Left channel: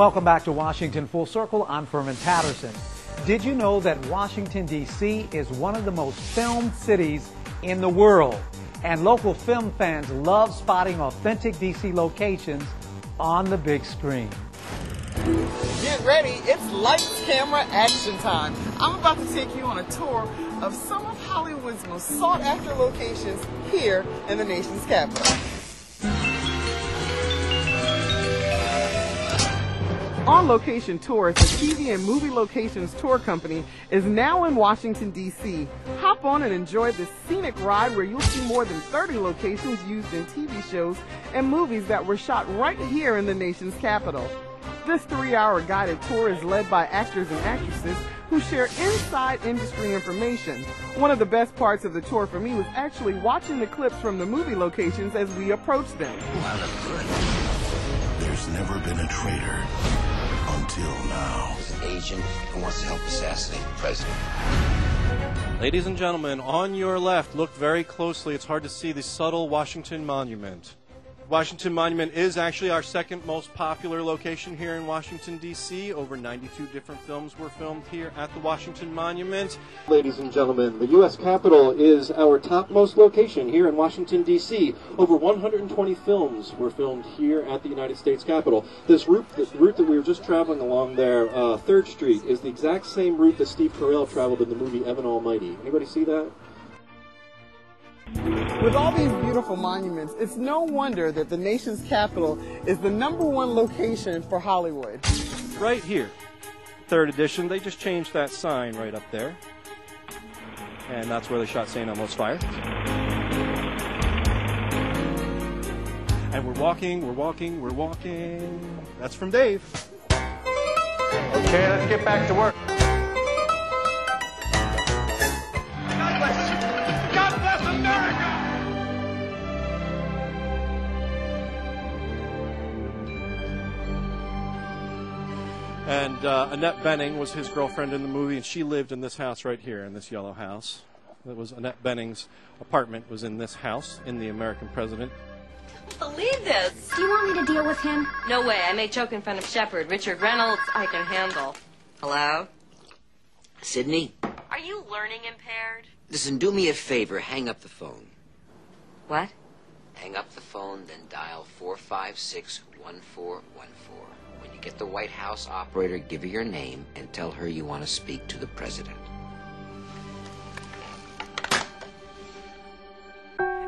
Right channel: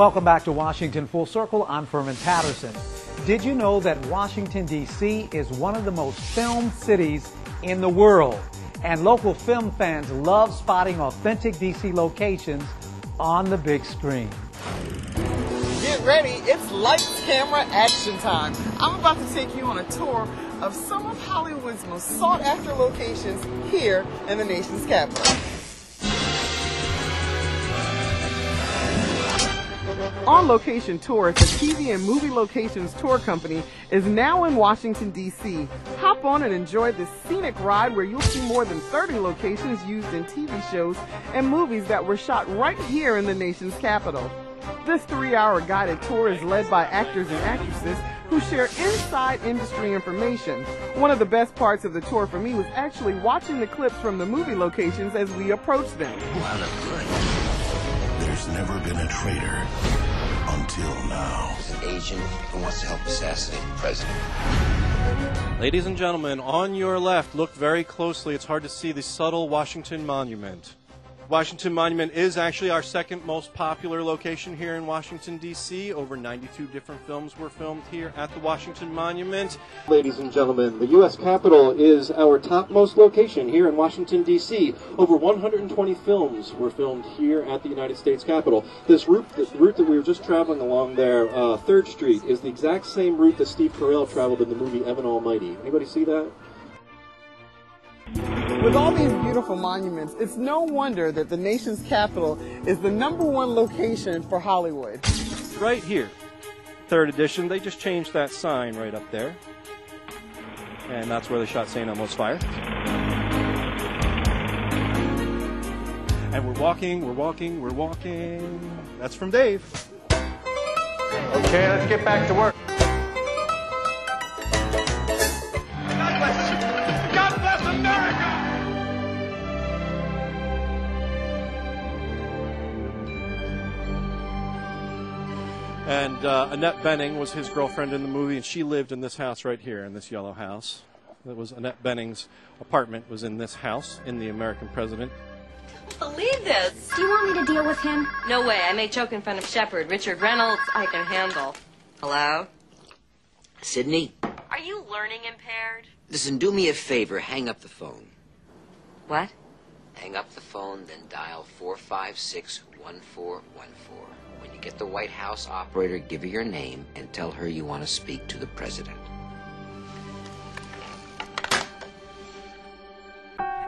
Welcome back to Washington Full Circle. I'm Furman Patterson. Did you know that Washington, D.C. is one of the most filmed cities in the world? And local film fans love spotting authentic D.C. locations on the big screen. Get ready, it's lights, camera, action time. I'm about to take you on a tour of some of Hollywood's most sought-after locations here in the nation's capital. On Location Tours, the TV and movie locations tour company, is now in Washington, D.C. Hop on and enjoy this scenic ride where you'll see more than 30 locations used in TV shows and movies that were shot right here in the nation's capital. This 3-hour guided tour is led by actors and actresses who share inside industry information. One of the best parts of the tour for me was actually watching the clips from the movie locations as we approached them. There's never been a traitor until now. He's an agent who wants to help assassinate the president. Ladies and gentlemen, on your left, look very closely. It's hard to see the subtle Washington Monument. Washington Monument is actually our second most popular location here in Washington, D.C. Over 92 different films were filmed here at the Washington Monument. Ladies and gentlemen, the U.S. Capitol is our topmost location here in Washington, D.C. Over 120 films were filmed here at the United States Capitol. This route that we were just traveling along there, 3rd Street, is the exact same route that Steve Carell traveled in the movie Evan Almighty. Anybody see that? With all these beautiful monuments, it's no wonder that the nation's capital is the #1 location for Hollywood. Right here, 3rd edition, they just changed that sign right up there. And that's where they shot St. Elmo's Fire. And we're walking. That's from Dave. Okay, let's get back to work. And Annette Bening was his girlfriend in the movie, and she lived in this house right here, in this yellow house. That was Annette Bening's apartment, was in this house, in the American President. Believe this. Do you want me to deal with him? No way. I may choke in front of Shepard. Richard Reynolds, I can handle. Hello? Sydney? Are you learning impaired? Listen, do me a favor. Hang up the phone. What? Hang up the phone, then dial 456-1414. When you get the White House operator, give her your name and tell her you want to speak to the president.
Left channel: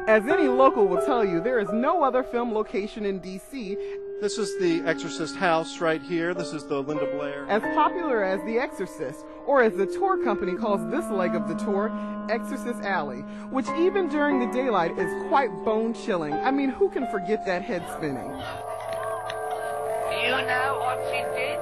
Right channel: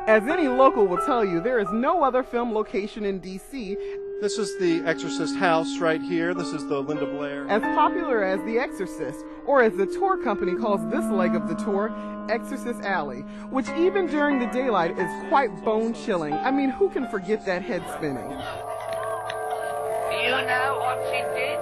As any local will tell you, there is no other film location in D.C. This is the Exorcist house right here. This is the Linda Blair. as popular as The Exorcist, or as the tour company calls this leg of the tour, Exorcist Alley, which even during the daylight is quite bone-chilling. I mean, who can forget that head spinning? You know what she did?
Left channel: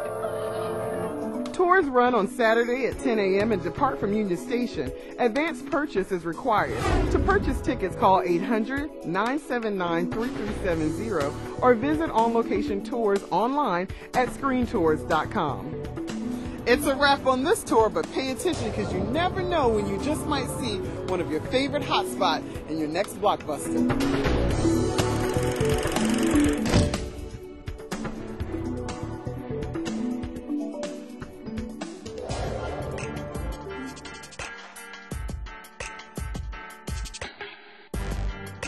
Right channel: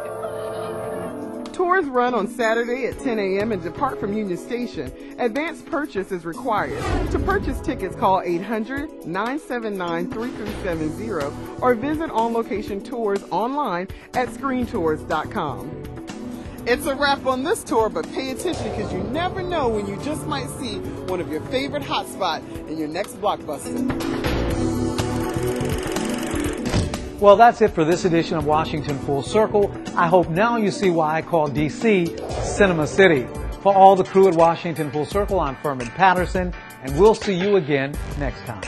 Tours run on Saturday at 10 a.m. and depart from Union Station. Advance purchase is required. To purchase tickets, call 800-979-3370 or visit On Location Tours online at screentours.com. It's a wrap on this tour, but pay attention because you never know when you just might see one of your favorite hotspots in your next blockbuster. Well, that's it for this edition of Washington Full Circle. I hope now you see why I call D.C. Cinema City. For all the crew at Washington Full Circle, I'm Furman Patterson, and we'll see you again next time.